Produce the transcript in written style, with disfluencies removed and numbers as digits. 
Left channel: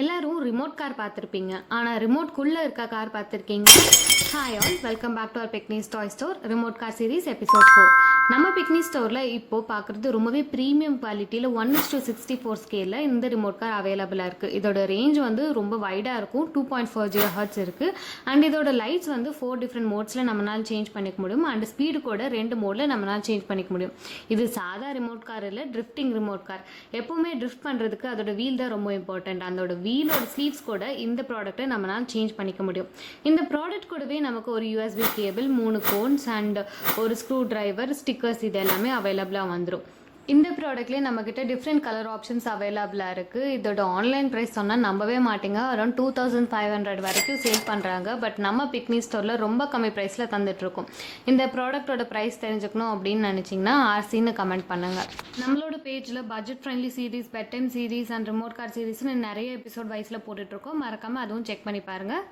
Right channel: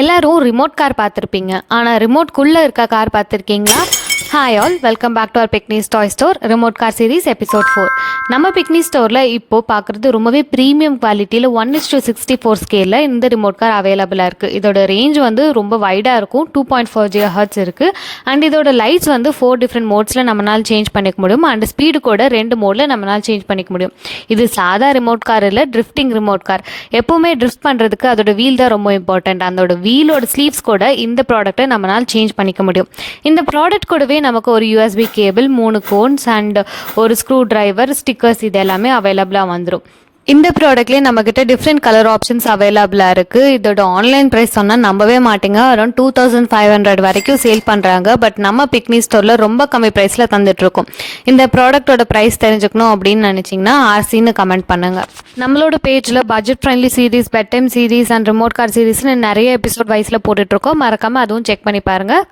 எல்லாரும் remote car பார்த்துருப்பீங்க. ஆனால் ரிமோட்குள்ளே இருக்க கார் பார்த்துருக்கீங்களா? Hi all, welcome back to our picnic's toy store remote car series episode 4. நம்ம பிக்னிக் ஸ்டோரில் இப்போது பார்க்குறது ரொம்பவே ப்ரீமியம் குவாலிட்டியில் 1:64 ஸ்கேலில் இந்த ரிமோட் கார் அவைலபிளாக இருக்குது. இதோட ரேஞ்ச் வந்து ரொம்ப வைடாக இருக்கும். 2.4 GHz இருக்குது. அண்ட் இதோட லைட்ஸ் வந்து 4 டிஃப்ரெண்ட் மோட்ஸில் நம்மளால் சேஞ்ச் பண்ணிக்க முடியும். அண்ட் ஸ்பீடு கூட 2 மோடில் நம்மளால் சேஞ்ச் பண்ணிக்க முடியும். இது சாதா ரிமோட் கார் இல்லை, ட்ரிஃப்டிங் ரிமோட் கார். எப்போவுமே ட்ரிஃப்ட் பண்ணுறதுக்கு அதோட வீல் தான் ரொம்ப இம்பார்ட்டண்ட். அதோட வீலோட ஸ்லீவ்ஸ் கூட இந்த ப்ராடக்ட்டை நம்மளால் சேஞ்ச் பண்ணிக்க முடியும். இந்த ப்ராடக்ட் கூடவே நமக்கு ஒரு USB கேபிள், 3 கோன்ஸ் அண்ட் ஒரு ஸ்க்ரூ டிரைவர், ஸ்டிக்கர்ஸ் இது எல்லாமே அவைலபிளாக வந்துடும். இந்த ப்ராடக்ட்லேயே நம்மக்கிட்ட டிஃப்ரெண்ட் கலர் ஆப்ஷன்ஸ் அவைலபிளாக இருக்குது. இதோட ஆன்லைன் ப்ரைஸ் சொன்னால் நம்பவே மாட்டேங்க. அரௌண்ட் 2500 வரைக்கும் சேல் பண்ணுறாங்க. பட் நம்ம பிக்னிக் ஸ்டோரில் ரொம்ப கம்மி ப்ரைஸில் தந்துட்டுருக்கோம். இந்த ப்ராடக்ட்டோட ப்ரைஸ் தெரிஞ்சுக்கணும் அப்படின்னு நினச்சிங்கன்னா RCன்னு கமெண்ட் பண்ணுங்கள். நம்மளோட பேஜில் budget friendly series, bed time series and remote car சீரீஸ்னு நிறைய எபிசோட் வைஸில் போட்டுட்ருக்கோம். மறக்காமல் அதுவும் செக் பண்ணி பாருங்கள்.